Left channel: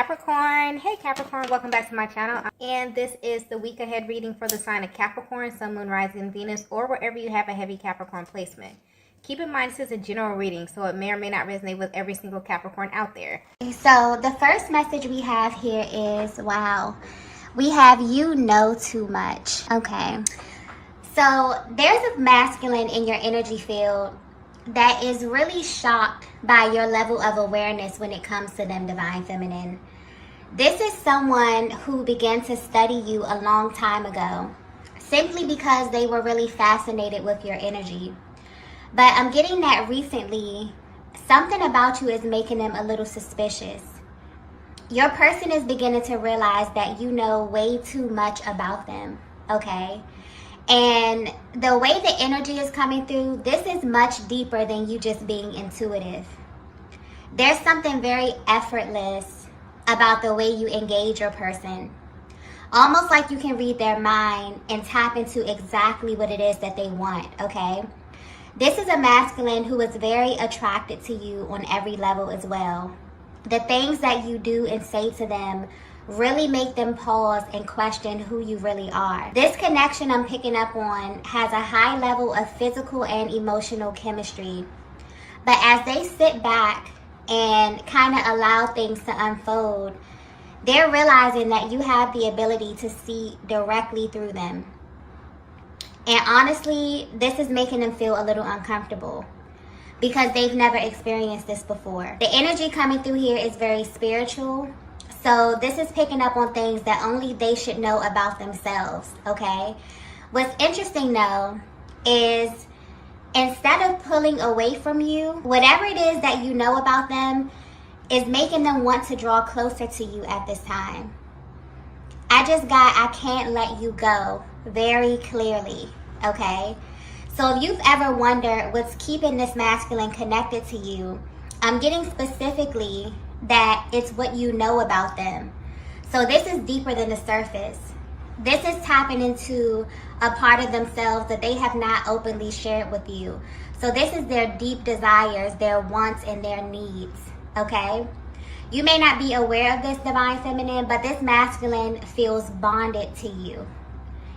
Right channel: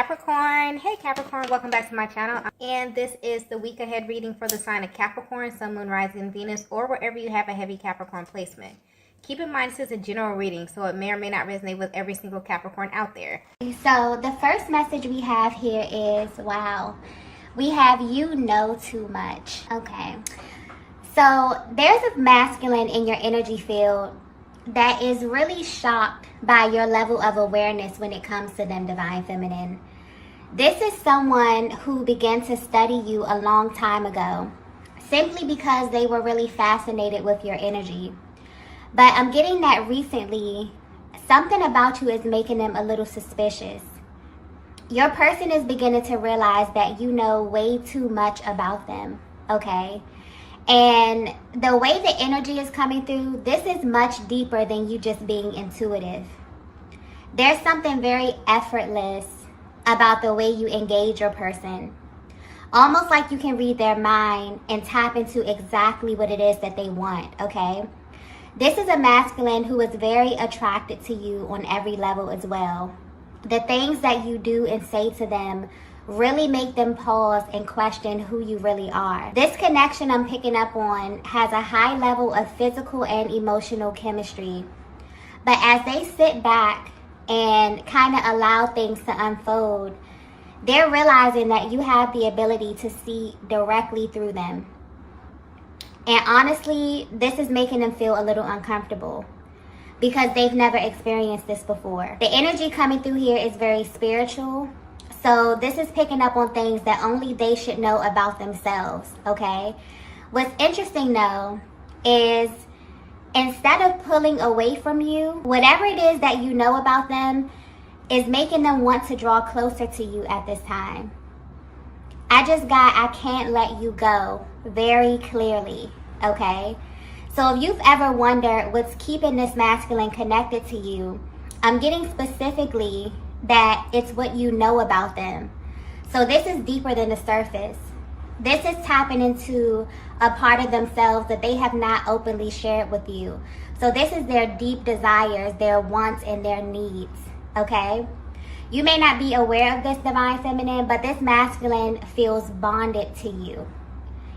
Capricorn. Hey Capricorn, welcome back to my channel. And this is the week ahead reading for the sign of Capricorn, Sun, Moon, Rising, Venus, or wherever you have a heavy Capricorn placement. Keep in mind this is a general reading, so it may or may not resonate with every single Capricorn out there. So the first message we have here is, wow, we have you know too much. Okay. So there's a masculine in your energy field that is really shocked by your level of awareness when it comes to them, divine feminine. This is someone who began to study you a long time ago simply because they were really fascinated with your energy. But I'm getting that recently, something about you is making them a little suspicious. Your person is beginning to realize that you know way too much about them, okay? And the way the energy is coming through, this is much deeper than you just being intuitive. There's something very effortless about the way you engage your person. Almost like you can read their mind and tap into exactly what it is that they want, okay? This is a masculine who is very attracted to you on every level as well. The things that you do and say to them really make them pause and question who you really are. This connection I'm picking up on has a high level of physical and emotional chemistry. But as they sit back and kind of allow things to unfold, they're realizing that you have the ability to see directly through them. And honestly, this is making them feel a little uncomfortable because they've never experienced this before. The energy coming through here is very spiritual. So this is picking up on things that only they should know about themselves, okay? What's interesting though is instead of pulling away from you, whatever it is that you know about them is making them want to draw closer to you at this time. I just got I can't let you go very clearly, okay? So if you've ever wondered what's keeping this masculine connected to you, I'm getting specifically that it's what you know about them. So this is deeper than the surface. This is tapping into a part of themselves that they have not openly shared with you. So this is their deep desires, their wants, and their needs, okay? You may not be aware of this, divine feminine, but this masculine feels bonded to you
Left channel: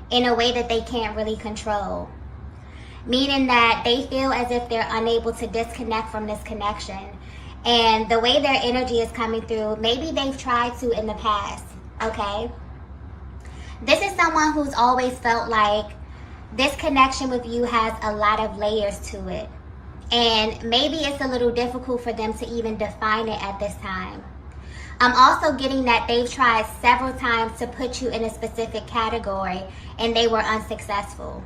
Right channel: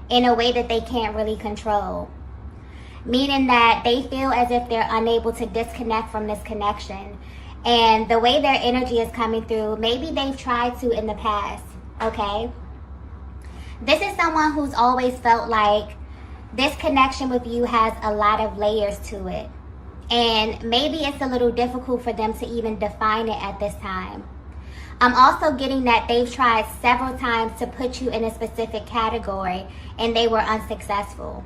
in a way that they can't really control. Meaning that they feel as if they're unable to disconnect from this connection. And the way their energy is coming through, maybe they've tried to in the past, okay? This is someone who's always felt like this connection with you has a lot of layers to it. And maybe it's a little difficult for them to even define it at this time. I'm also getting that they've tried several times to put you in a specific category and they were unsuccessful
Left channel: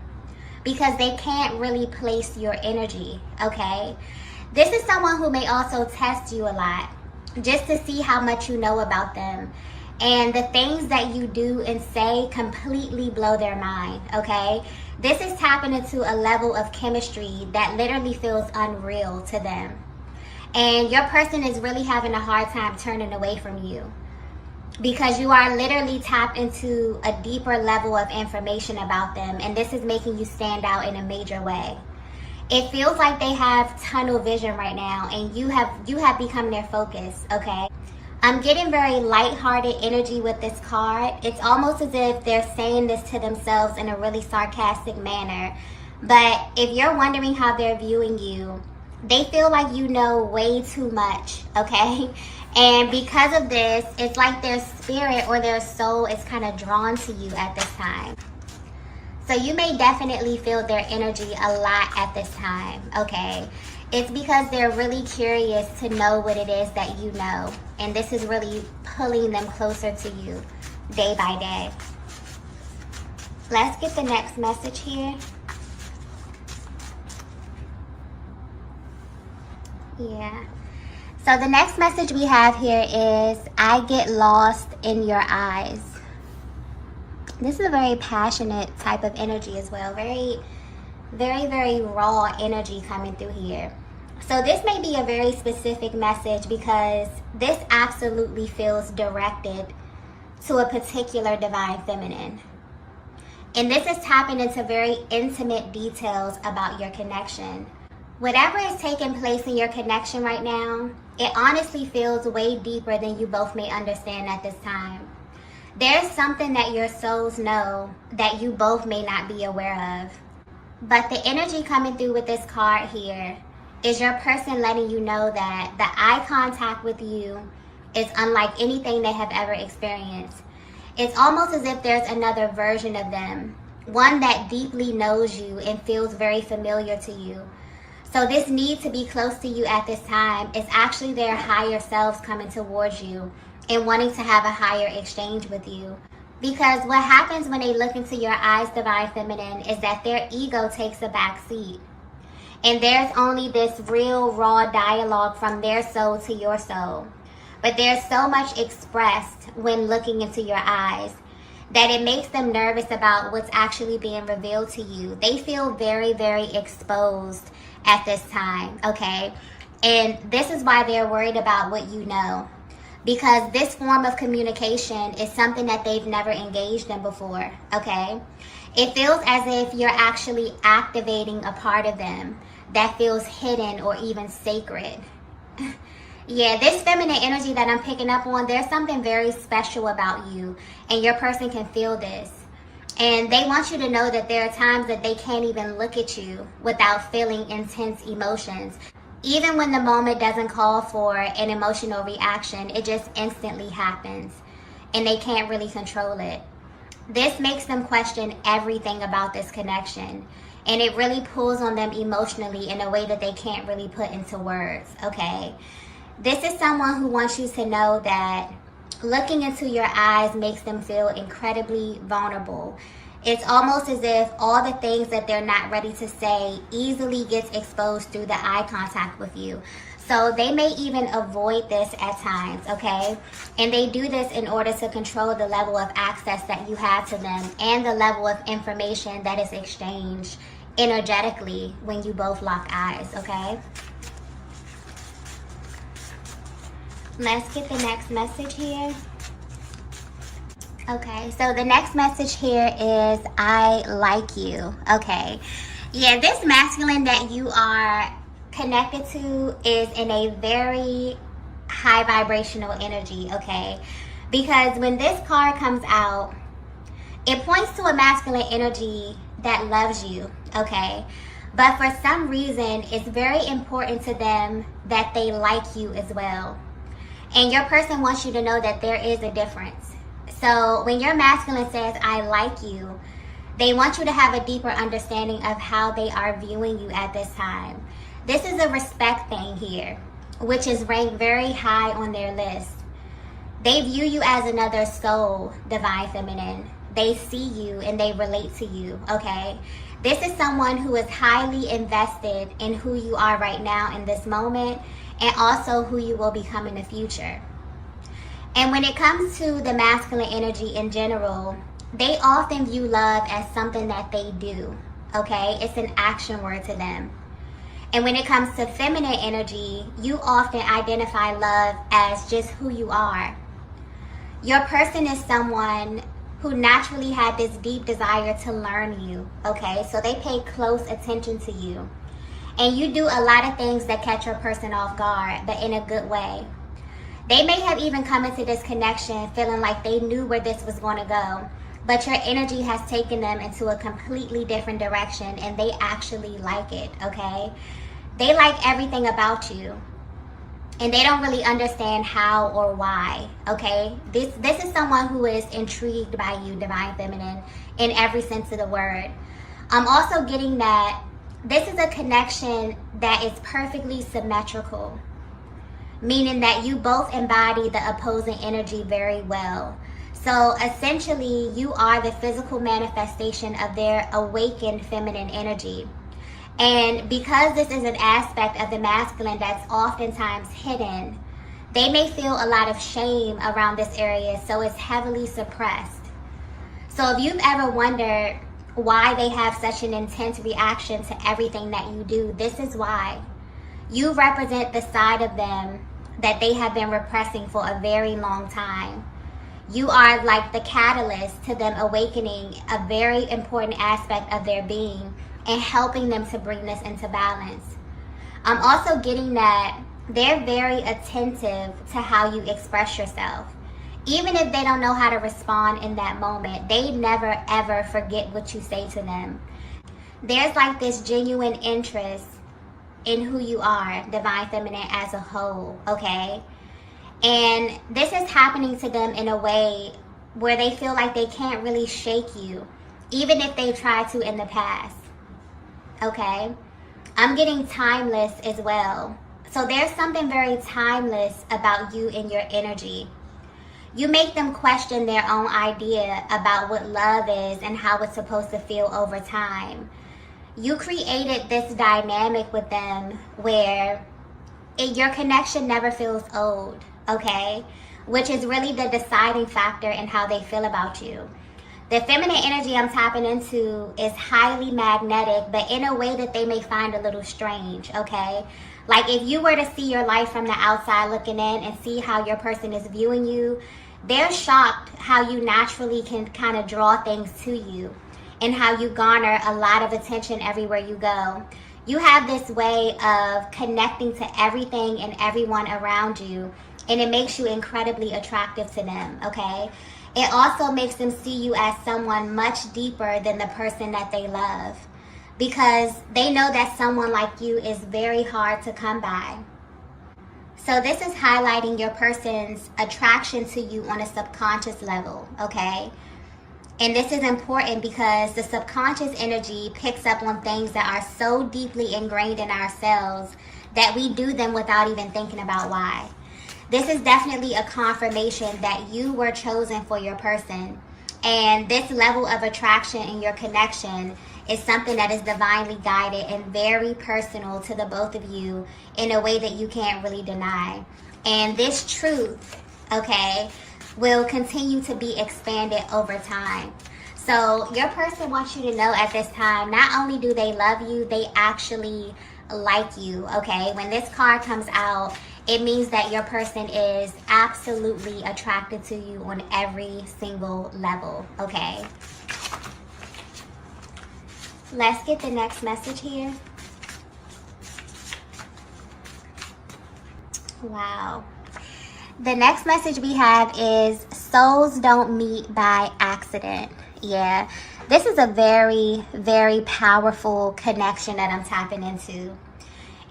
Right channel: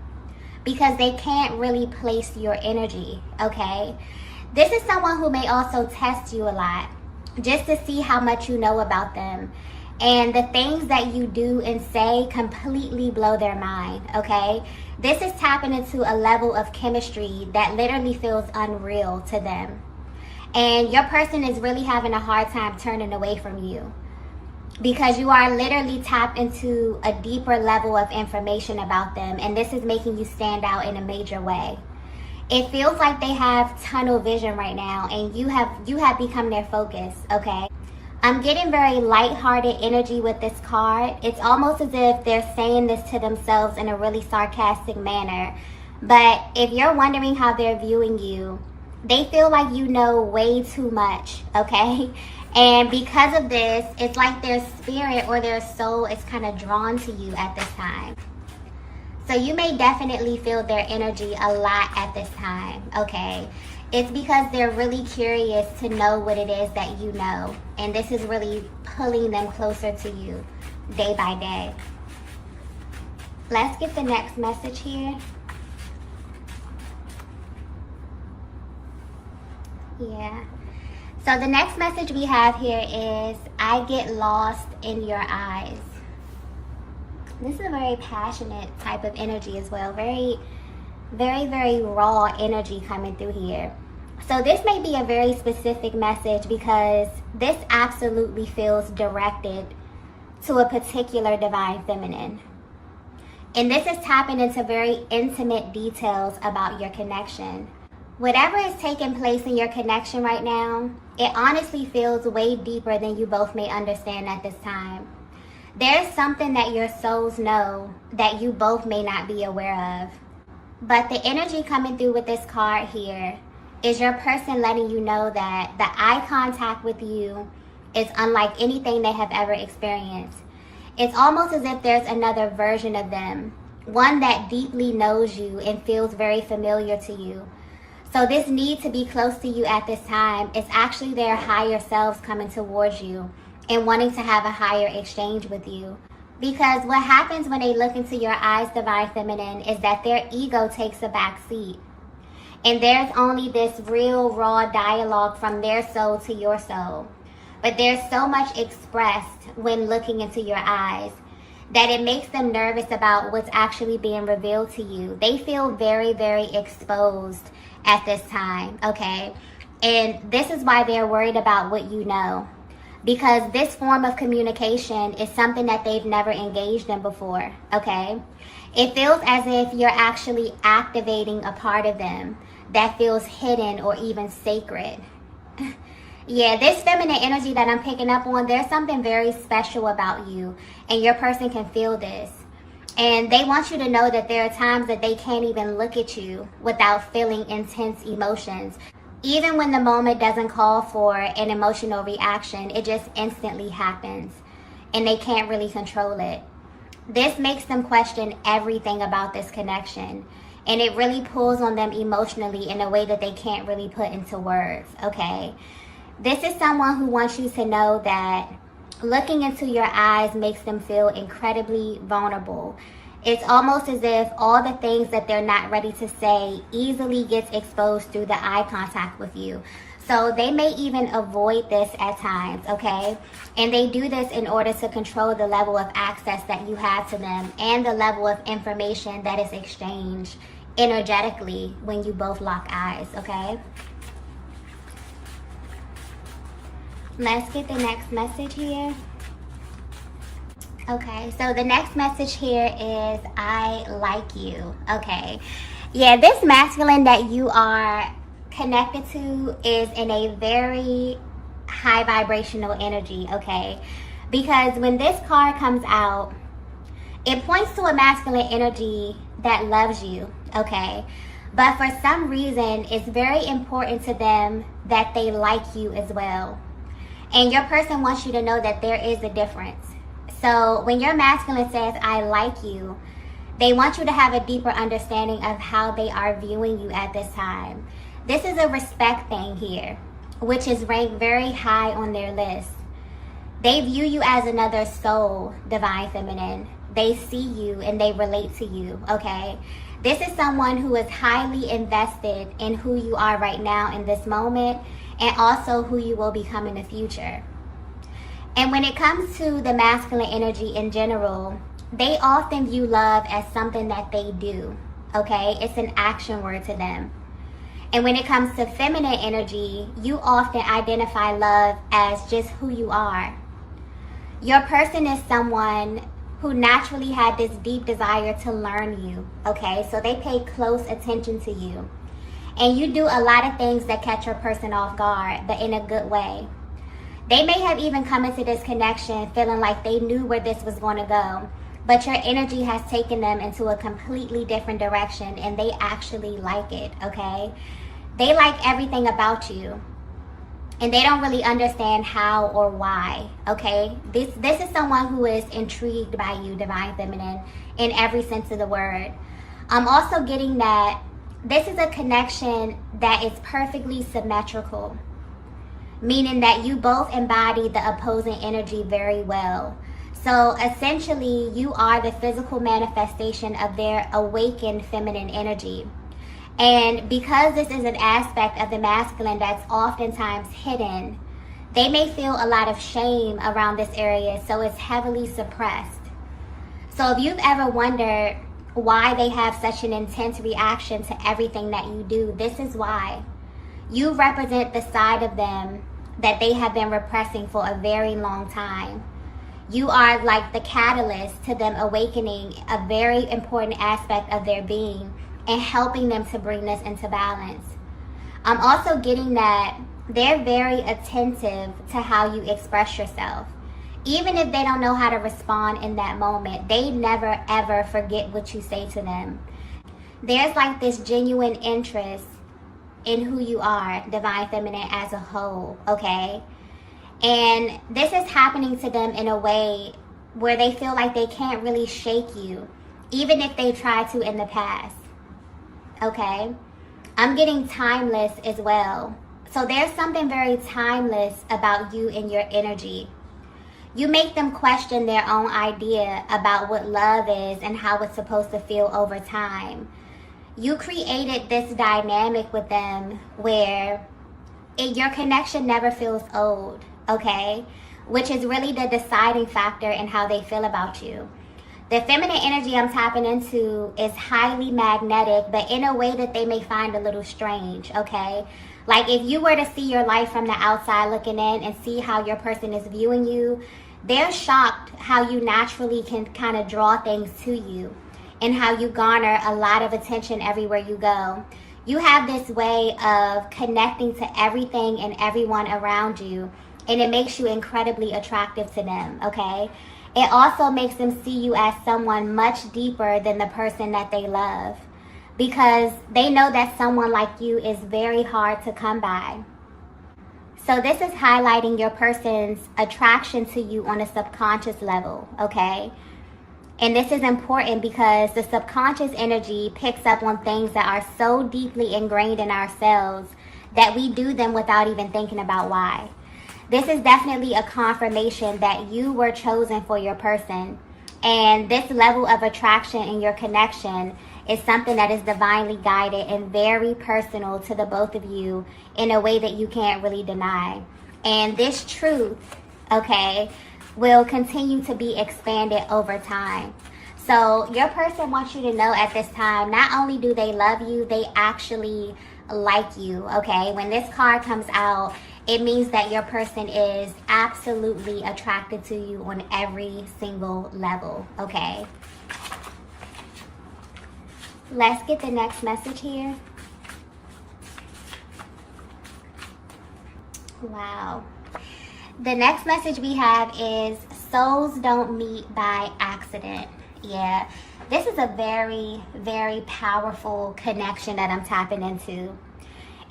because they can't really place your energy, okay? This is someone who may also test you a lot just to see how much you know about them. And the things that you do and say completely blow their mind, okay? This is tapping into a level of chemistry that literally feels unreal to them. And your person is really having a hard time turning away from you because you are literally tapped into a deeper level of information about them. And this is making you stand out in a major way. It feels like they have tunnel vision right now and you have become their focus, okay? I'm getting very lighthearted energy with this card. It's almost as if they're saying this to themselves in a really sarcastic manner. But if you're wondering how they're viewing you, they feel like you know way too much, okay? And because of this, it's like their spirit or their soul is kind of drawn to you at this time. So you may definitely feel their energy a lot at this time, okay? It's because they're really curious to know what it is that you know. And this is really pulling them closer to you day by day. Let's get the next message here. Yeah. So the next message we have here is, I get lost in your eyes. This is a very passionate type of energy as well. Very, very raw energy coming through here. So this may be a very specific message because this absolutely feels directed to a particular divine feminine. And this is tapping into very intimate details about your connection. Whatever is taking place in your connection right now, it honestly feels way deeper than you both may understand at this time. There's something that your souls know that you both may not be aware of. But the energy coming through with this card here is your person letting you know that the eye contact with you is unlike anything they have ever experienced. It's almost as if there's another version of them, one that deeply knows you and feels very familiar to you. So this need to be close to you at this time is actually their higher selves coming towards you and wanting to have a higher exchange with you. Because what happens when they look into your eyes, Divine Feminine, is that their ego takes a back seat. And there's only this real raw dialogue from their soul to your soul. But there's so much expressed when looking into your eyes that it makes them nervous about what's actually being revealed to you. They feel very, very exposed at this time, okay? And this is why they're worried about what you know. Because this form of communication is something that they've never engaged in before, okay? It feels as if you're actually activating a part of them that feels hidden or even sacred. Yeah, this feminine energy that I'm picking up on, there's something very special about you, and your person can feel this. And they want you to know that there are times that they can't even look at you without feeling intense emotions. Even when the moment doesn't call for an emotional reaction, it just instantly happens, and they can't really control it. This makes them question everything about this connection, and it really pulls on them emotionally in a way that they can't really put into words, okay? This is someone who wants you to know that looking into your eyes makes them feel incredibly vulnerable. It's almost as if all the things that they're not ready to say easily gets exposed through the eye contact with you. So they may even avoid this at times, okay? And they do this in order to control the level of access that you have to them and the level of information that is exchanged energetically when you both lock eyes, okay? Let's get the next message here. Okay, so the next message here is, I like you. Okay, yeah, this masculine that you are connected to is in a very high vibrational energy, okay? Because when this card comes out, it points to a masculine energy that loves you, okay? But for some reason, it's very important to them that they like you as well. And your person wants you to know that there is a difference. So when your masculine says, I like you, they want you to have a deeper understanding of how they are viewing you at this time. This is a respect thing here, which is ranked very high on their list. They view you as another soul, Divine Feminine. They see you and they relate to you, okay? This is someone who is highly invested in who you are right now in this moment, and also who you will become in the future. And when it comes to the masculine energy in general, they often view love as something that they do, okay? It's an action word to them. And when it comes to feminine energy, you often identify love as just who you are. Your person is someone who naturally had this deep desire to learn you, okay? So they pay close attention to you. And you do a lot of things that catch your person off guard, but in a good way. They may have even come into this connection feeling like they knew where this was going to go, but your energy has taken them into a completely different direction, and they actually like it, okay? They like everything about you, and they don't really understand how or why, okay? This is someone who is intrigued by you, Divine Feminine, in every sense of the word. I'm also getting that this is a connection that is perfectly symmetrical, meaning that you both embody the opposing energy very well. So essentially, you are the physical manifestation of their awakened feminine energy. And because this is an aspect of the masculine that's oftentimes hidden, they may feel a lot of shame around this area, so it's heavily suppressed. So if you've ever wondered why they have such an intense reaction to everything that you do, this is why. You represent the side of them that they have been repressing for a very long time. You are like the catalyst to them awakening a very important aspect of their being and helping them to bring this into balance. I'm also getting that they're very attentive to how you express yourself. Even if they don't know how to respond in that moment, they never ever forget what you say to them. There's like this genuine interest in who you are, divine feminine as a whole, okay? And this is happening to them in a way where they feel like they can't really shake you, even if they try to in the past, okay? I'm getting timeless as well. So there's something very timeless about you and your energy. You make them question their own idea about what love is and how it's supposed to feel over time. You created this dynamic with them where your connection never feels old, okay? Which is really the deciding factor in how they feel about you. The feminine energy I'm tapping into is highly magnetic, but in a way that they may find a little strange, okay? Like if you were to see your life from the outside looking in and see how your person is viewing you, they're shocked how you naturally can kind of draw things to you and how you garner a lot of attention everywhere you go. You have this way of connecting to everything and everyone around you, and it makes you incredibly attractive to them, okay? It also makes them see you as someone much deeper than the person that they love, because they know that someone like you is very hard to come by. So this is highlighting your person's attraction to you on a subconscious level, okay? And this is important because the subconscious energy picks up on things that are so deeply ingrained in ourselves that we do them without even thinking about why. This is definitely a confirmation that you were chosen for your person. And this level of attraction in your connection is something that is divinely guided and very personal to the both of you in a way that you can't really deny. And this truth, okay, will continue to be expanded over time. So your person wants you to know at this time, not only do they love you, they actually like you, okay? When this card comes out, it means that your person is absolutely attracted to you on every single level, okay? Let's get the next message here. Wow. The next message we have is souls don't meet by accident. Yeah, this is a very, very powerful connection that I'm tapping into.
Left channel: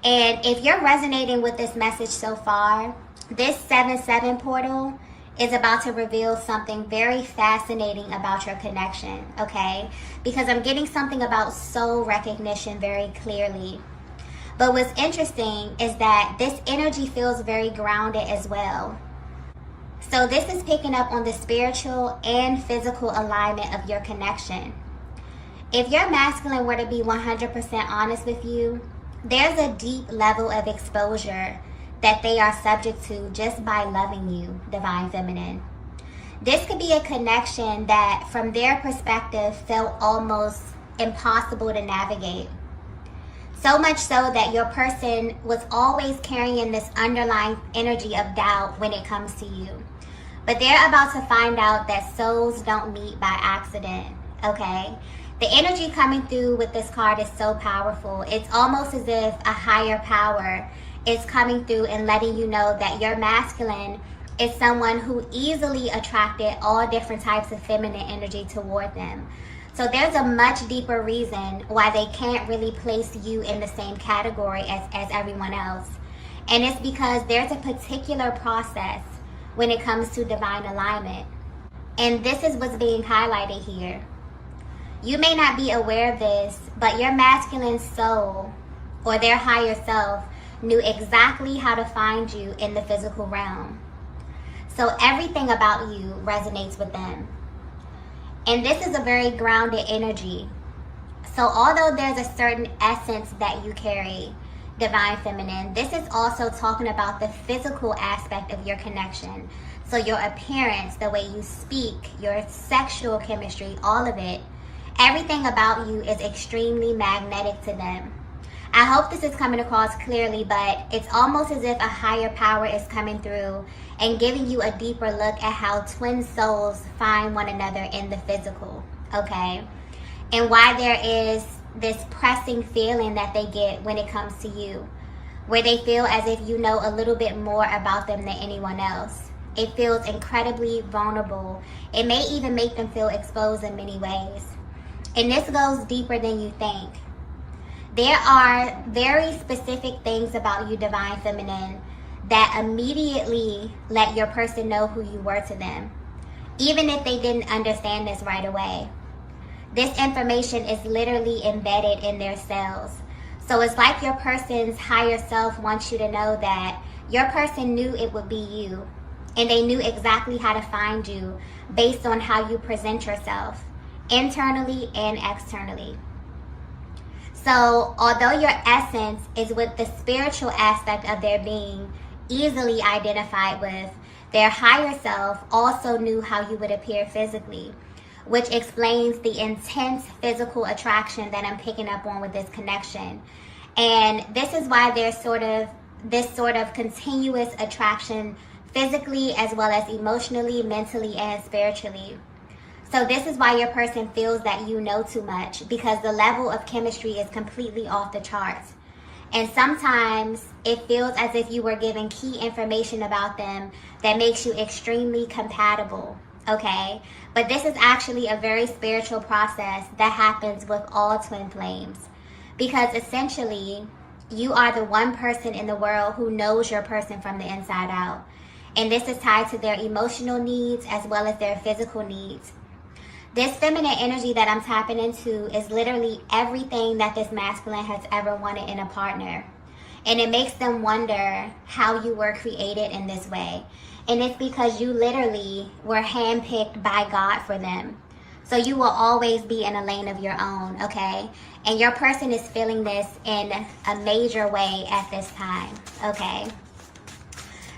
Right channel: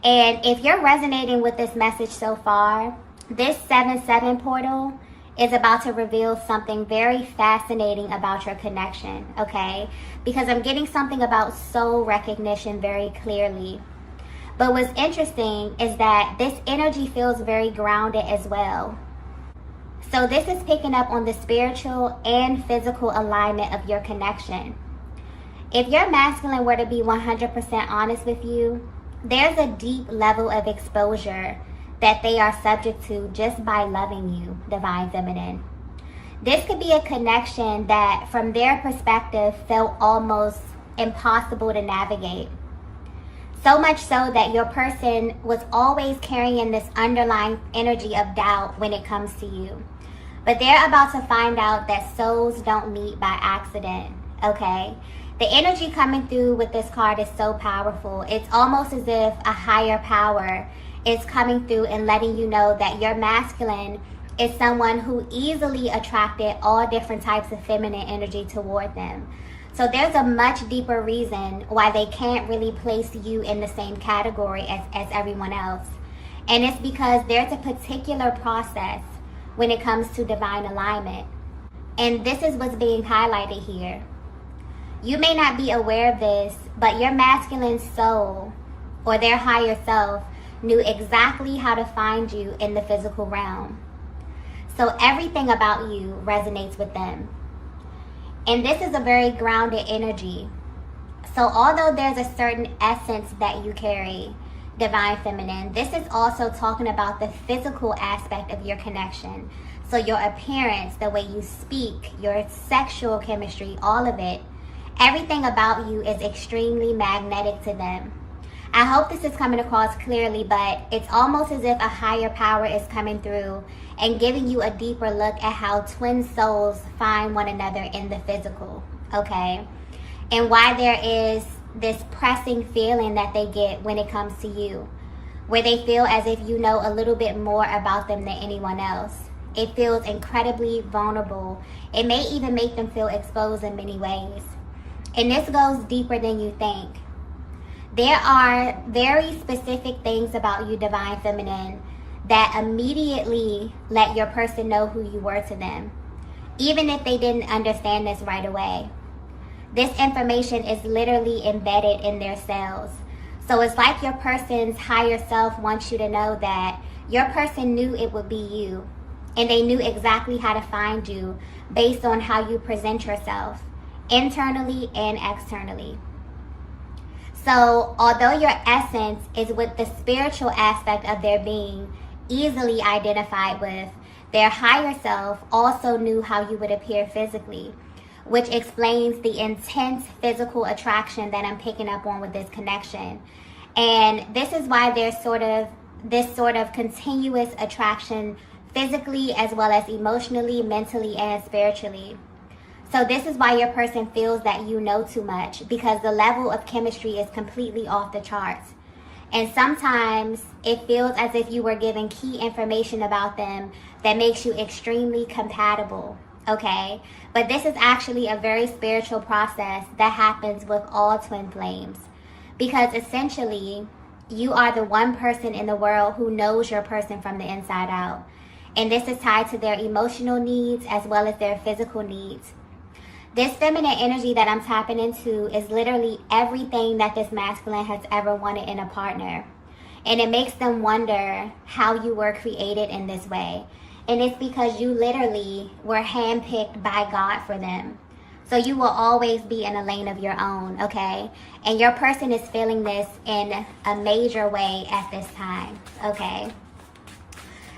And if you're resonating with this message so far, this 7-7 portal is about to reveal something very fascinating about your connection, okay? Because I'm getting something about soul recognition very clearly. But what's interesting is that this energy feels very grounded as well. So this is picking up on the spiritual and physical alignment of your connection. If your masculine were to be 100% honest with you, there's a deep level of exposure that they are subject to just by loving you, divine feminine. This could be a connection that from their perspective felt almost impossible to navigate. So much so that your person was always carrying this underlying energy of doubt when it comes to you. But they're about to find out that souls don't meet by accident, okay? The energy coming through with this card is so powerful. It's almost as if a higher power is coming through and letting you know that your masculine is someone who easily attracted all different types of feminine energy toward them. So there's a much deeper reason why they can't really place you in the same category as everyone else. And it's because there's a particular process when it comes to divine alignment. And this is what's being highlighted here. You may not be aware of this, but your masculine soul or their higher self knew exactly how to find you in the physical realm. So everything about you resonates with them. And this is a very grounded energy. So although there's a certain essence that you carry, divine feminine, this is also talking about the physical aspect of your connection. So your appearance, the way you speak, your sexual chemistry, all of it, everything about you is extremely magnetic to them. I hope this is coming across clearly, but it's almost as if a higher power is coming through and giving you a deeper look at how twin souls find one another in the physical, okay? And why there is this pressing feeling that they get when it comes to you. where they feel as if you know a little bit more about them than anyone else. It feels incredibly vulnerable. It may even make them feel exposed in many ways. And this goes deeper than you think. There are very specific things about you, Divine Feminine, that immediately let your person know who you were to them, even if they didn't understand this right away. This information is literally embedded in their cells. So it's like your person's higher self wants you to know that your person knew it would be you, and they knew exactly how to find you based on how you present yourself, internally and externally. So although your essence is with the spiritual aspect of their being easily identified with, their higher self also knew how you would appear physically, which explains the intense physical attraction that I'm picking up on with this connection. And this is why there's this sort of continuous attraction physically as well as emotionally, mentally, and spiritually. So this is why your person feels that you know too much, because the level of chemistry is completely off the charts. And sometimes it feels as if you were given key information about them that makes you extremely compatible, okay? But this is actually a very spiritual process that happens with all twin flames, because essentially you are the one person in the world who knows your person from the inside out. And this is tied to their emotional needs as well as their physical needs. This feminine energy that I'm tapping into is literally everything that this masculine has ever wanted in a partner. And it makes them wonder how you were created in this way. And it's because you literally were handpicked by God for them. So you will always be in a lane of your own, okay? And your person is feeling this in a major way at this time, okay?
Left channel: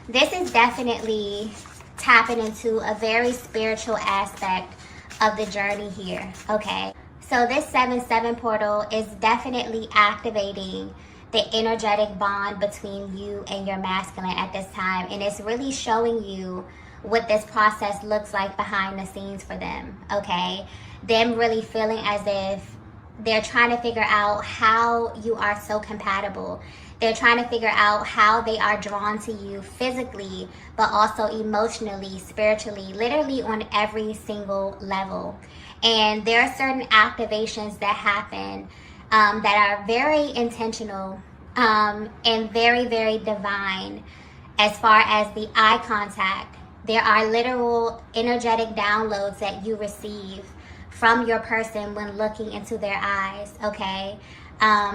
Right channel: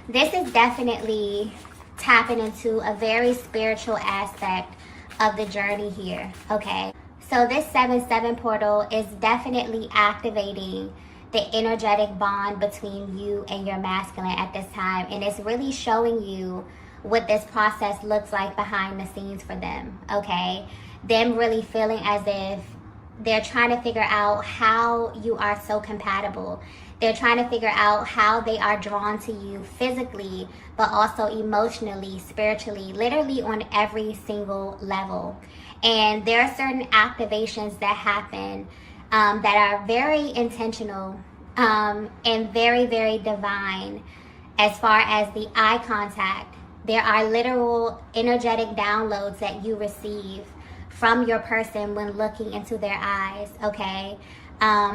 This is definitely tapping into a very spiritual aspect of the journey here, okay? So this 7-7 portal is definitely activating the energetic bond between you and your masculine at this time, and it's really showing you what this process looks like behind the scenes for them, okay? Them really feeling as if they're trying to figure out how you are so compatible. They're trying to figure out how they are drawn to you physically, but also emotionally, spiritually, literally on every single level. And there are certain activations that happen that are very intentional and very, very divine as far as the eye contact. There are literal energetic downloads that you receive from your person when looking into their eyes, okay?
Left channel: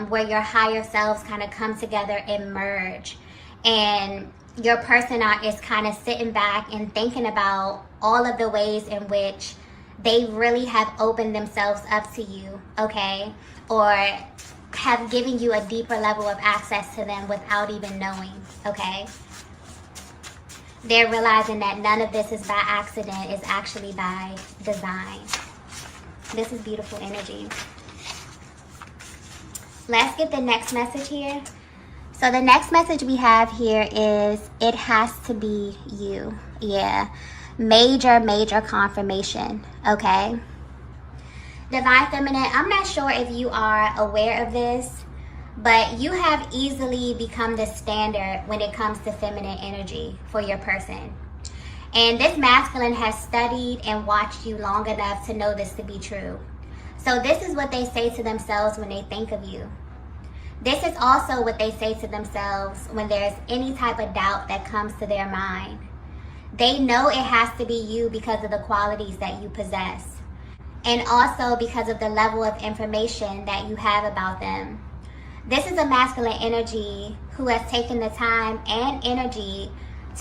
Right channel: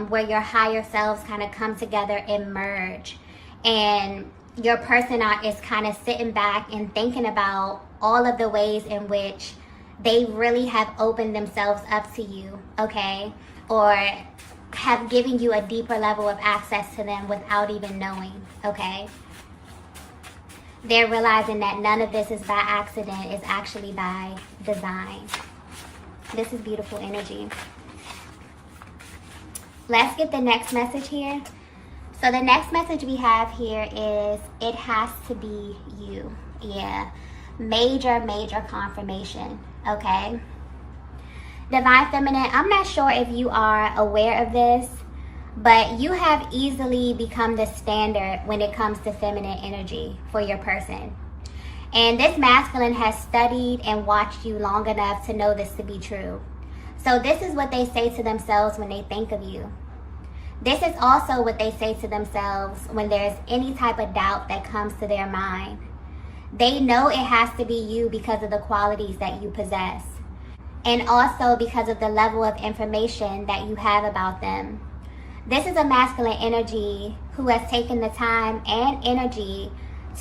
Where your higher selves kind of come together and merge. And your person is kind of sitting back and thinking about all of the ways in which they really have opened themselves up to you, okay? Or have given you a deeper level of access to them without even knowing, okay? They're realizing that none of this is by accident, it's actually by design. This is beautiful energy. Let's get the next message here. So the next message we have here is, it has to be you. Yeah. Major confirmation. Okay. Divine Feminine, I'm not sure if you are aware of this, but you have easily become the standard when it comes to feminine energy for your person. And this masculine has studied and watched you long enough to know this to be true. So this is what they say to themselves when they think of you. This is also what they say to themselves when there's any type of doubt that comes to their mind. They know it has to be you because of the qualities that you possess. And also because of the level of information that you have about them. This is a masculine energy who has taken the time and energy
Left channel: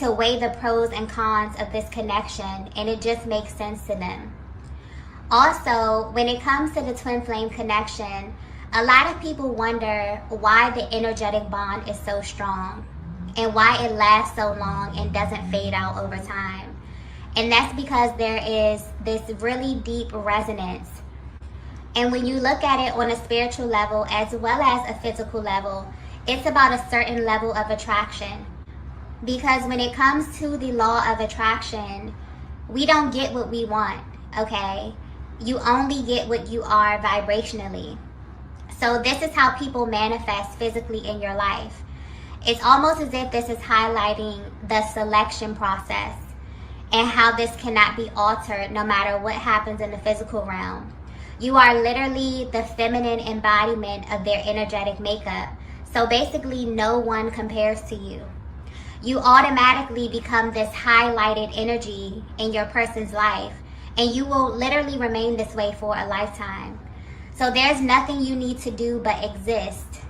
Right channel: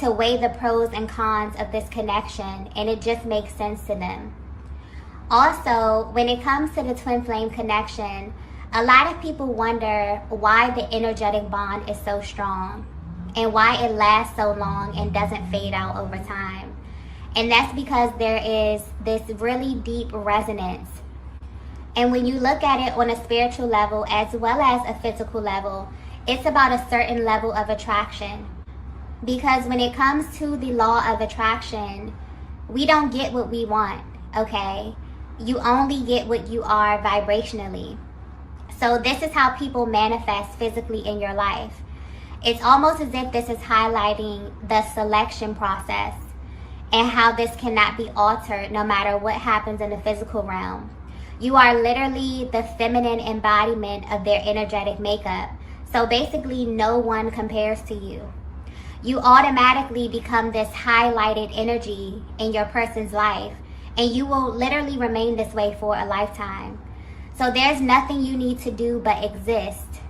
to weigh the pros and cons of this connection, and it just makes sense to them. Also, when it comes to the twin flame connection, a lot of people wonder why the energetic bond is so strong and why it lasts so long and doesn't fade out over time. And that's because there is this really deep resonance. And when you look at it on a spiritual level as well as a physical level, it's about a certain level of attraction. Because when it comes to the law of attraction, we don't get what we want, okay? You only get what you are vibrationally. So this is how people manifest physically in your life. It's almost as if this is highlighting the selection process and how this cannot be altered no matter what happens in the physical realm. You are literally the feminine embodiment of their energetic makeup. So basically, no one compares to you. You automatically become this highlighted energy in your person's life, and you will literally remain this way for a lifetime. So there's nothing you need to do but exist,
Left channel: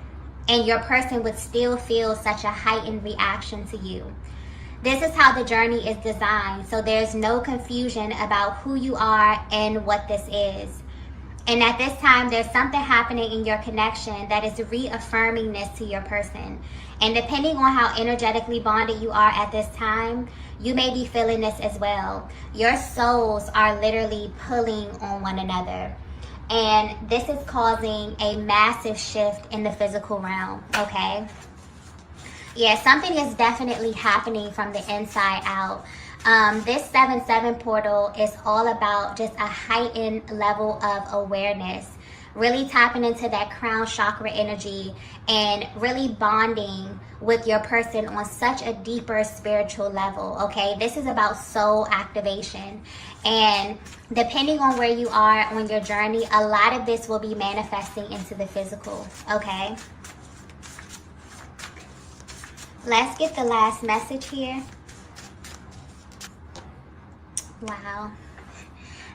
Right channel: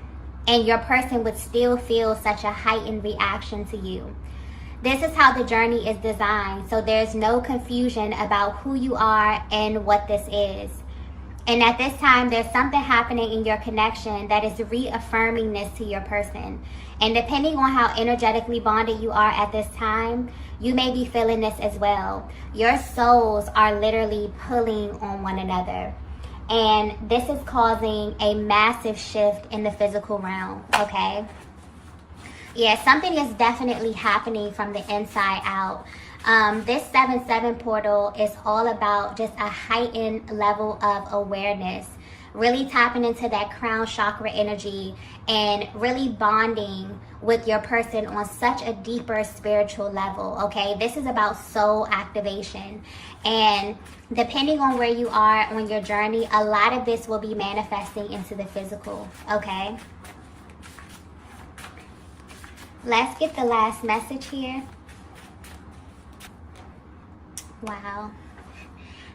and your person would still feel such a heightened reaction to you. This is how the journey is designed, so there's no confusion about who you are and what this is. And at this time, there's something happening in your connection that is reaffirming this to your person. And depending on how energetically bonded you are at this time, you may be feeling this as well. Your souls are literally pulling on one another. And this is causing a massive shift in the physical realm, okay? Yeah, something is definitely happening from the inside out. This 7-7 portal is all about just a heightened level of awareness, really tapping into that crown chakra energy and really bonding with your person on such a deeper spiritual level, okay? This is about soul activation. And depending on where you are on your journey, a lot of this will be manifesting into the physical, okay? Let's get the last message here. Wow.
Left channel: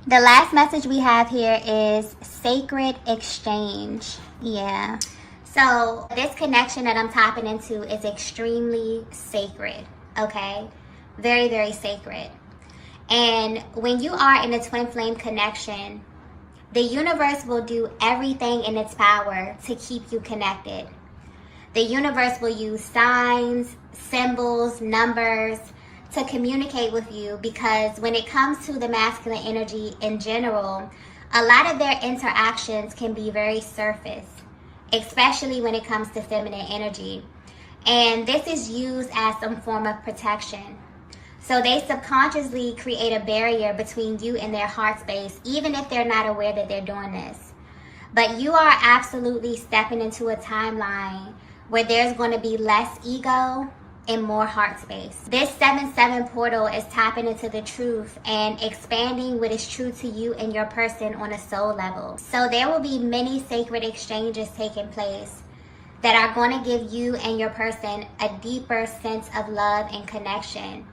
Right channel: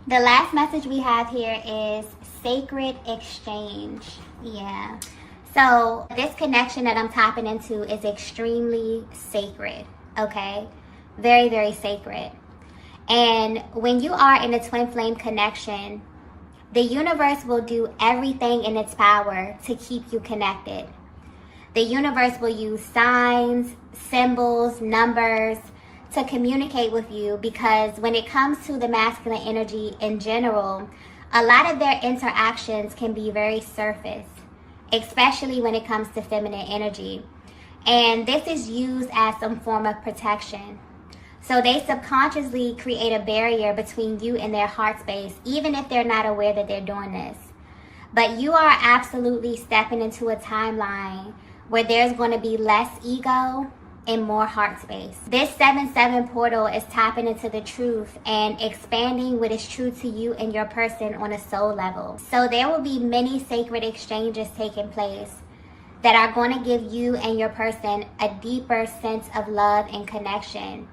The last message we have here is sacred exchange. Yeah. So this connection that I'm tapping into is extremely sacred, okay? Very, very sacred. And when you are in a twin flame connection, the universe will do everything in its power to keep you connected. The universe will use signs, symbols, numbers to communicate with you, because when it comes to the masculine energy in general, a lot of their interactions can be very surface, especially when it comes to feminine energy. And this is used as some form of protection. So they subconsciously create a barrier between you and their heart space, even if they're not aware that they're doing this. But you are absolutely stepping into a timeline where there's going to be less ego and more heart space. This 7-7 portal is tapping into the truth and expanding what is true to you and your person on a soul level. So there will be many sacred exchanges taking place that are going to give you and your person a deeper sense of love and connection.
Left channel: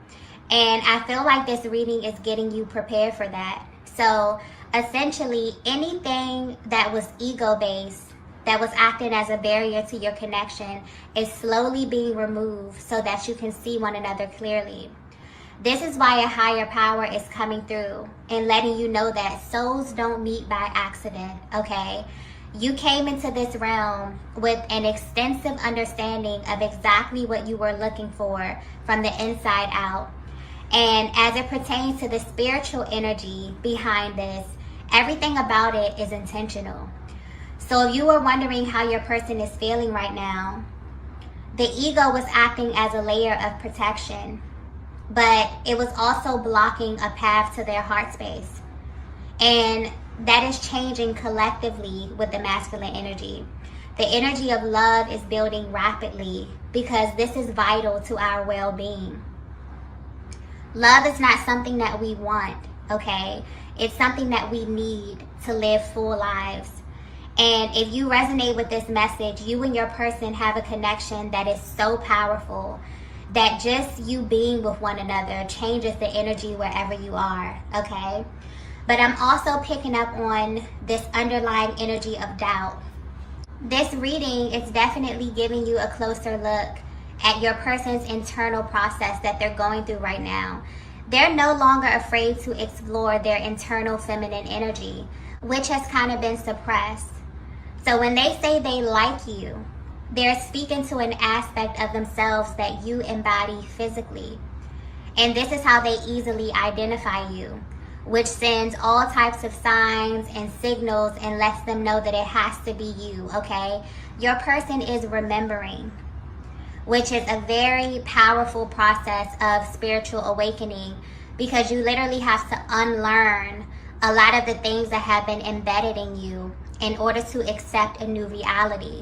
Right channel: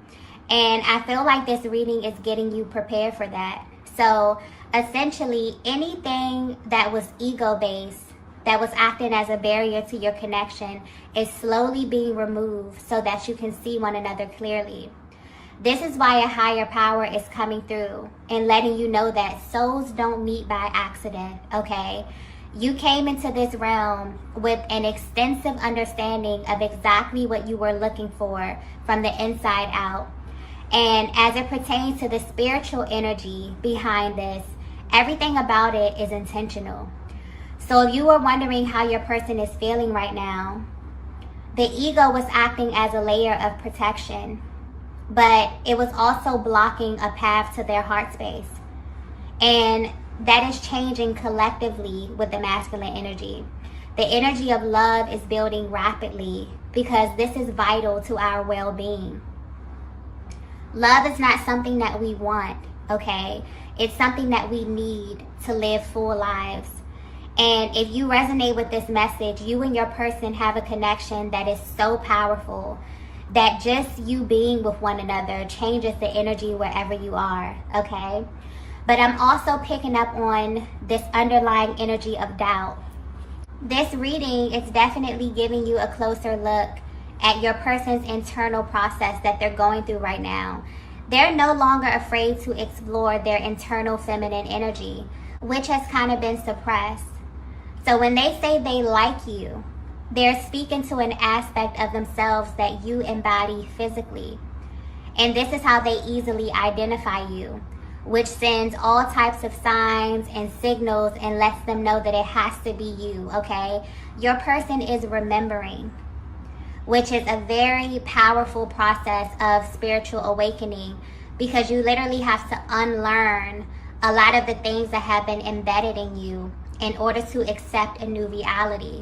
And I feel like this reading is getting you prepared for that. So essentially, anything that was ego-based, that was acting as a barrier to your connection, is slowly being removed so that you can see one another clearly. This is why a higher power is coming through and letting you know that souls don't meet by accident, okay? You came into this realm with an extensive understanding of exactly what you were looking for from the inside out. And as it pertains to the spiritual energy behind this, everything about it is intentional. So if you were wondering how your person is feeling right now, the ego was acting as a layer of protection, but it was also blocking a path to their heart space. And that is changing collectively with the masculine energy. The energy of love is building rapidly because this is vital to our well-being. Love is not something that we want, okay? It's something that we need to live full lives. And if you resonate with this message, you and your person have a connection that is so powerful that just you being with one another changes the energy wherever you are, okay? But I'm also picking up on this underlying energy of doubt. This reading is definitely giving you a closer look at your person's internal process that they're going through right now. They're no longer afraid to explore their internal feminine energy, which has kind of been suppressed. So when they say they like you, they're speaking to an aspect of themselves that you embody physically. And this is how they easily identify you, which sends all types of signs and signals and lets them know that it has to be you, okay? Your person is remembering, which is a very powerful process of spiritual awakening, because you literally have to unlearn a lot of the things that have been embedded in you in order to accept a new reality.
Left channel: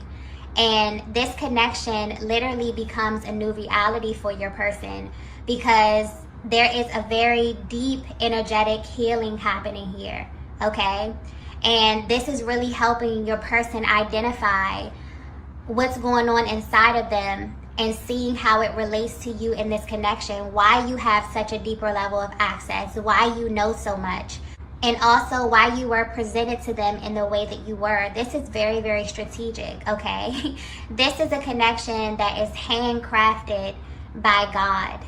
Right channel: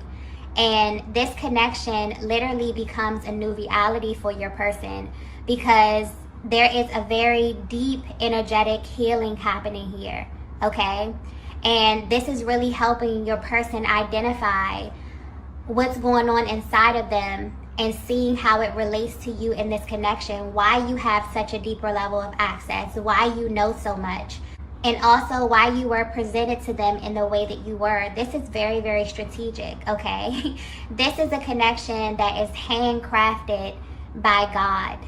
And this connection literally becomes a new reality for your person because there is a very deep energetic healing happening here, okay? And this is really helping your person identify what's going on inside of them and seeing how it relates to you in this connection, why you have such a deeper level of access, why you know so much, and also why you were presented to them in the way that you were. This is very, very strategic, okay? This is a connection that is handcrafted by God.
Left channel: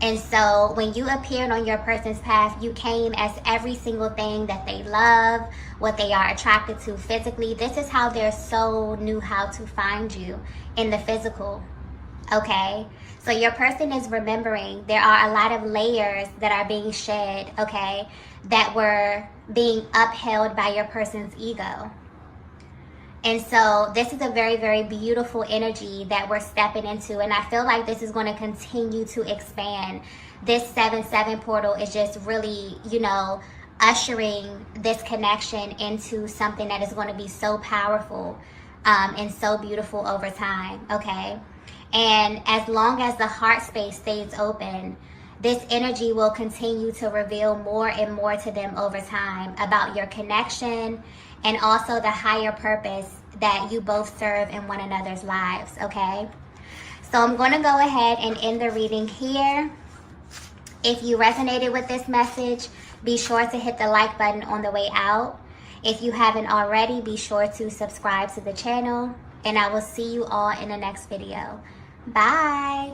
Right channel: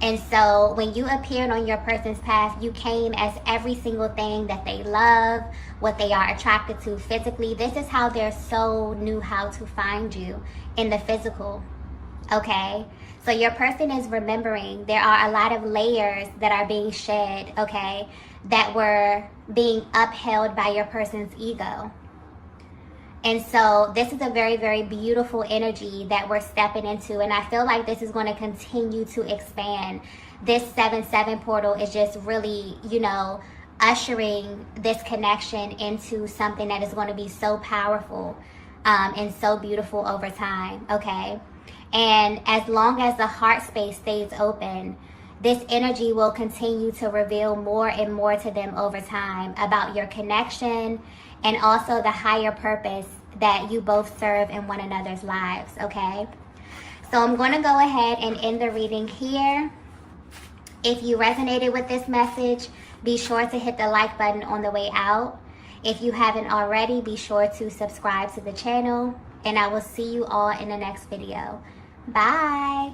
And so when you appeared on your person's path, you came as every single thing that they love, what they are attracted to physically. This is how their soul knew how to find you in the physical, okay? So your person is remembering there are a lot of layers that are being shed, okay, that were being upheld by your person's ego. And so this is a very, very beautiful energy that we're stepping into. And I feel like this is going to continue to expand. This 7-7 portal is just really, you know, ushering this connection into something that is going to be so powerful and so beautiful over time, okay? And as long as the heart space stays open, this energy will continue to reveal more and more to them over time about your connection and also the higher purpose that you both serve in one another's lives, okay? So I'm going to go ahead and end the reading here. If you resonated with this message, be sure to hit the like button on the way out. If you haven't already, be sure to subscribe to the channel, and I will see you all in the next video. Bye.